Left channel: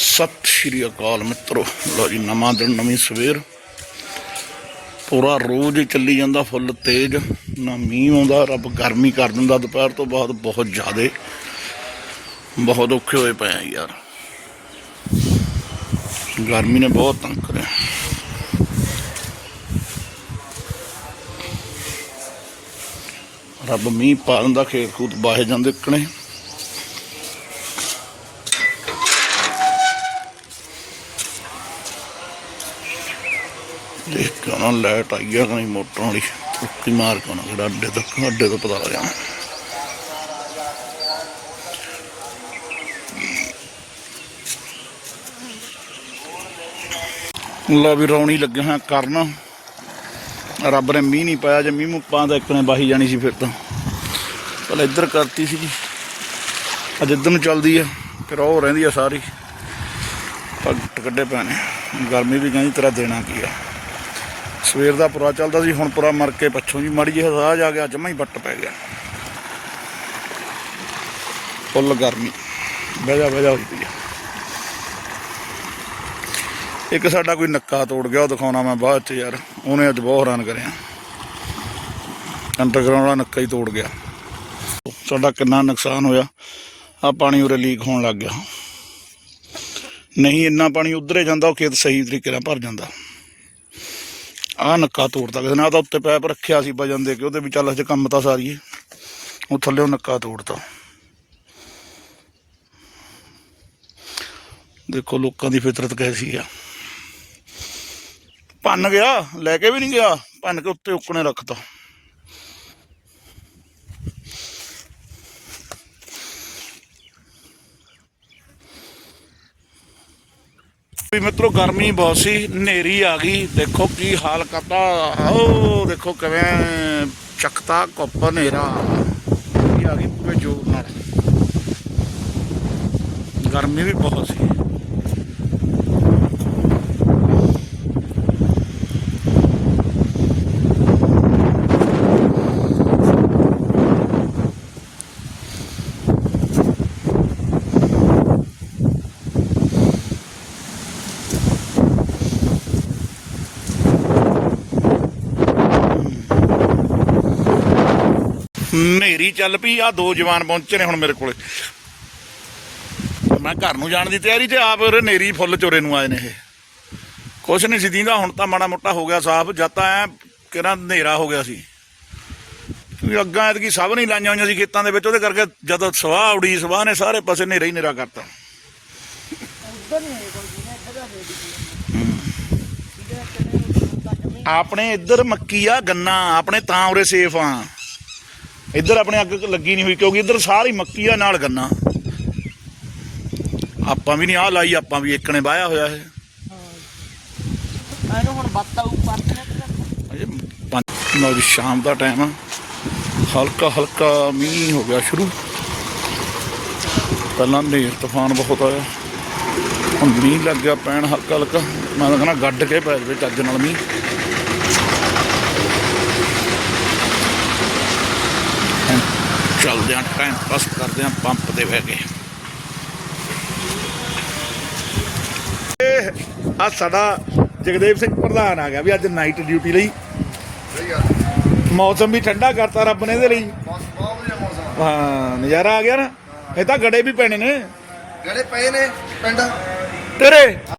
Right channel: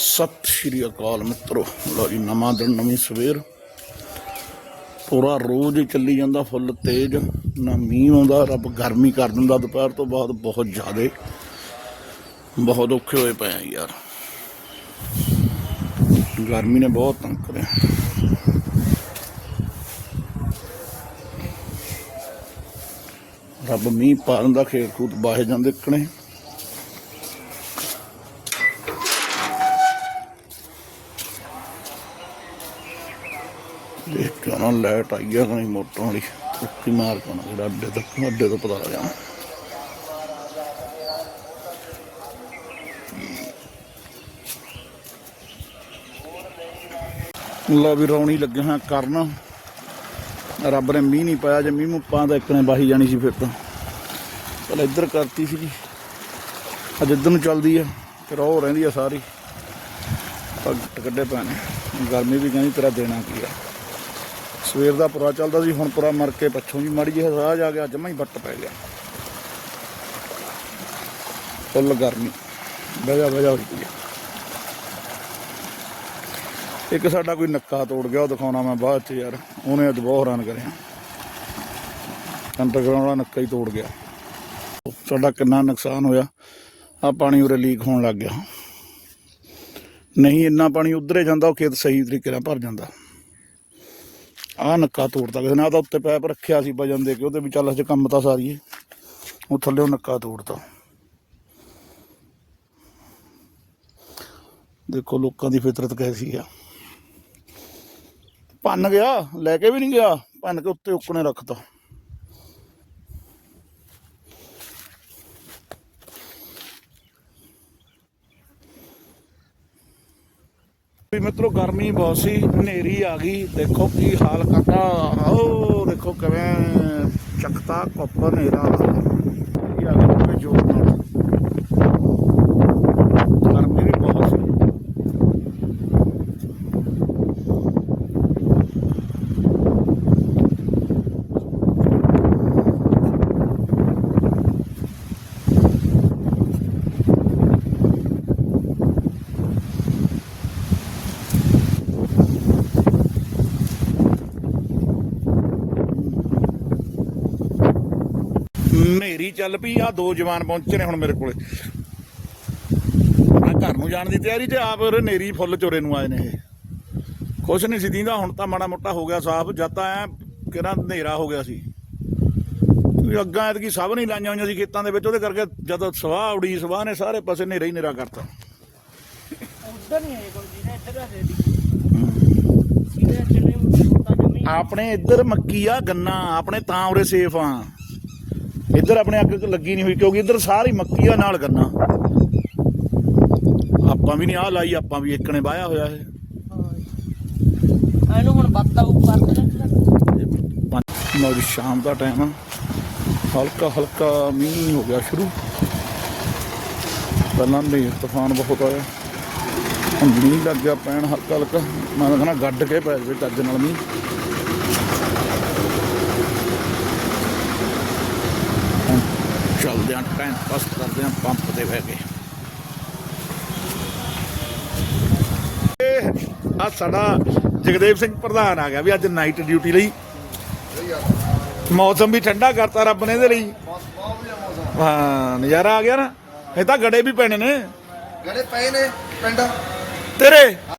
ਸਤਿ ਸ਼੍ਰੀ ਅਕਾਲ ਮਿੱਤਰੋ। ਲੋ ਜੀ, ਨਵਾਂ ਦਿਨ, ਨਵੀਂ ਸਵੇਰ। ਪੂਰਾ ਰੋਜ਼ ਹੀ ਚੱਲੀ ਜਾਂਦਾ, ਫੁੱਲ ਤੇਜ਼। ਨਾ ਮੀਂਹ ਆਉਂਦਾ, ਰੱਬ ਗਰਮੀ ਕਰ ਦਿੰਦਾ। ਦੁਪਹਿਰ ਤੋਂ ਬਾਅਦ ਬਹੁਤ ਜ਼ਿਆਦੇ, ਬਹੁਤ ਔਖੇ ਹੋਏ ਪਏ ਆ ਯਾਰ। ਗਰਮੀ ਨੇ ਬਹੁਤ ਤੰਗ ਕਰਿਆ। ਰੱਬ ਮੀਂਹ ਪਾ ਦਿੰਦਾ ਖੇਤ ਖੂਤ ਬਾਹੇ ਜਾਂਦੇ ਕਣੇ। ਦੇਖ ਕੇ ਉਹਨਾਂ ਲਾਈਟ ਆਈ ਆ ਨਹੀਂ ਮੋਟਰ ਵਾਲੀ ਰੁੱਕੀ ਮਾਰ ਕੇ ਉਹਨਾਂ ਜਿਹੜਾ ਅੱਡੇ ਤੱਕ, ਅੱਡੇ ਤੋਂ ਪਤਾ ਲੱਗਿਆ ਲਾ ਵੀ ਰੌਣੀ ਲੱਗੇ ਹਾਂ ਕਰਨ। ਰੱਬ ਨੇ ਮੀਂਹ ਨਹੀਂ ਪਾਇਆ, ਜੇ ਮੀਂਹ ਮੂੰਹ ਤਾਂ ਇੱਕ ਨੇ ਬਾਹੀ ਜਾਣੀ ਸੀ ਫਿਰ ਤਾਂ। ਪਹਿਲਾਂ ਇੱਧਰ ਕਰਤੀ ਸੀਗੀ। ਅੱਜ ਇੱਧਰ ਨੂੰ ਚੱਲਦੀ ਆ, ਫਿਰ ਉਹ ਰਹਿੰਦੀ ਆ ਸਾਰੀ। ਪੱਟ ਕੱਢੇ ਪੈਣੇ, ਗਰਮੀ ਵੀ ਕਹਿੰਦੀ ਤੇਰਾ ਦੇਣਾ ਕੀ ਆ। ਸਵੇਰ ਦਾ ਪੁਰਾ ਚੱਲਦਾ ਸੀ, ਹੁਣ ਪੁਰਾ ਮਰ ਕੇ ਪੱਛੋਂ ਜੀ ਮੜੀ ਜਿਹੀ ਹਜ਼ਾਰ ਜਾ ਗਿਆ ਜਮਾ ਹੀ ਵੱਟ ਪੈ ਗਿਆ। ਫੁੱਲ ਗਰਮੀ ਵਜਾ ਵਜਾ ਹੋਈ ਪਈ ਇੱਕ ਸਾਡਾ ਕੋਈ ਨੱਕਾ ਤੋੜ ਗਿਆ, ਉਹ ਦਿਖਾਉਣਾ ਮੈਂ ਬਾਅਦ ਚ ਯਾਰ, ਉਹਨੇ ਅੱਜ ਬਹੁਤ ਹੈਰਾਨ ਕਰਿਆ। ਅੰਡਰਗਰਾਉਂਡ ਵਾਲਾ ਨੱਕਾ ਹੀ ਤੋੜ ਗਿਆ। ਸਾਡਾ ਕਿੰਨਾ ਨੁਕਸਾਨ ਹੋਇਆ ਆ ਪਾਣੀ ਉਰੇ ਲੀਕ ਹੋਣ ਲੱਗ ਗਿਆ। ਨਹੀਂ ਇੰਨਾ ਪਾਣੀ ਉਧਰੇ ਜਾਂਦਾ, ਉਹ ਖੇਤ ਸਹੀ ਤਰੀਕੇ ਨਾਲ ਭਰ ਜਾਂਦਾ। ਆ ਨੱਕਾ ਤੋੜਤਾ ਕਿਸੇ ਨੇ ਤਾਂ ਉੱਤੇ ਪੈਪ ਰੱਖਿਆ ਸੀ ਵਜਨ ਦੇ ਕੇ, ਉਹਦੇ ਵੀ ਚੱਲ ਅੱਜ ਕੰਮ ਤਾਂ ਸਾਰੀਏ। ਉਹ ਥੱਲੇ ਉਹ ਨੱਕਾ ਤੋੜਤਾ। ਦੇਖੋ ਲੋਕਾਂ ਦੀ ਫਿਤਰਤ ਕੈਸੀ ਆ। ਭੰਨ ਗਿਆ, ਲੈ ਕੇ ਵੀ ਨਹੀਂ ਗਿਆ, ਭੰਨ ਕੇ ਉੱਤੇ ਉੱਕਣੇ ਰੱਖਤਾ। ਵੀ ਮਿੱਤਰੋ ਗਰਮੀ ਬਹੁਤ ਸੀ, ਹਨੇਰੀ ਆ ਗਈ, ਦੇਖੋ ਕੀ ਹਾਲ ਕਰਤਾ ਉਹ ਦੇਖੋ ਕਿਵੇਂ ਚੱਕਤਾ ਕੁੱਪ ਹਨੇਰਾ ਇਹ ਆ ਗਈ ਪੂਰੇ ਜੋਰ ਨਾਲ ਗਰਮੀ ਵੀ ਬਹੁਤ ਸੀ ਹਨੇਰੀ ਚੱਲ ਪਈ ਆ, ਦੋ ਜਵਾਨ ਪਹੁੰਚੇ ਨੇ ਹੁਣ ਮੇਰੇ ਕੋਲੇ। ਮੈਂ ਘਰ ਨੂੰ ਜਾਣ ਦੀ ਤਿਆਰੀ ਤੇ ਆਪ ਉਰੇ ਹਨੇਰੀ ਫੁੱਲ ਚੋਰੇ ਨੂੰ ਆਏ ਨੇ ਇਹ। ਕੁਛ ਨਹੀਂ ਸੀ ਦੀਂਦਾ, ਹੁਣ ਤਾਂ ਮਾੜਾ ਮੋਟਾ ਹੋ ਗਿਆ ਸਾਫ਼, ਜਦ ਤਾਂ ਐ ਕਿਹੜਾ ਹਨੇਰਾ ਹੋ ਗਿਆ ਸੀ। ਕਿਉਂਕਿ ਅੱਗਾਂ ਐਤਕੀ ਸਭ ਨਹੀਂ ਲਾਈਆਂ ਹੋਈਆਂ ਸੀ ਖੇਤਾਂ ਦੇ ਵਿੱਚ, ਉਹਦੇ ਕਰਕੇ ਜਦੋਂ ਸਵਾਹ ਉੜੀ, ਸਵਾਹ ਨੇ ਸਾਰੇ ਪਾਸੇ ਹਨੇਰਾ ਹੀ ਹਨੇਰਾ ਕਰਤਾ। ਆਪਣੇ ਇੱਧਰ ਮੱਕੀ ਆ, ਗੰਨਾ, ਆਪਣੇ ਤਾਂ ਉਰੇ ਸੇਫ ਆ। ਇੱਧਰ ਆਪਣੇ ਅੱਗ ਲੱਗੀ ਨਹੀਂ ਹੋਈ ਕਿਉਂਕਿ ਇੱਧਰ ਸਾਰੀ ਮੱਕੀ ਆ ਨਾਲ ਗੰਨਾ। ਆਪਾਂ ਵੀ ਨਹੀਂ ਆ ਲਾਈ ਆਪਾਂ ਵੀ ਇੱਕ ਨੇ ਵਾਇਆ ਹੋਇਆ ਹੈ ਇਹਨੂੰ ਹੁਣ ਬੱਤਾ ਉੱਪਰ ਨੌ ਸ਼ਾਮ ਦਾ ਟਾਈਮ ਆ। ਹਲਕਾ ਹਲਕਾ ਮੀਂਹ ਹੋ ਗਿਆ ਸ਼ੁਰੂ। ਪਹਿਲਾਂ ਹਨੇਰ ਤੂਫਾਨ ਬਹੁਤ ਆਇਆ। ਹੁਣ ਮੀਂਹ ਲੱਗ ਗਿਆ ਪੈਣ ਹਲਕਾ ਹਲਕਾ। ਮੈਂ ਕਹਿੰਦਾ ਗੱਡ ਕੇ ਪੈ ਜਾਵੇ ਚੱਜ ਨਾਲ ਮੀਂਹ। ਚੱਲਦੇ ਆਂ ਟਾਈਮ ਪਾਸ ਕਰਦੇ ਆਂ ਪੰਪ ਤੇ ਬਹਿ ਕੇ। ਆ ਸਾਡਾ ਜਗਦੇਵ ਸਿੰਘ ਪ੍ਰਧਾਨ ਆ ਗਿਆ ਵੀ ਅੱਜ ਨਾਈਟ ਡਿਊਟੀ ਲਈ। ਮੌਸਮ ਵੀ ਠੰਡਾ ਕਰਤਾ ਰੱਬ ਨੇ ਇਹਦੇ ਲਈ। ਹਾਂ ਨਜ਼ਾਰਾ ਆ ਗਿਆ ਨਾ। ਇਹ ਤਾਂ ਗੜੇ ਵੀ ਪੈਣੇ ਨੇ। ਗੜੇ ਪਏ ਨੇ ਪਿੰਡ। ਤੇਰੇ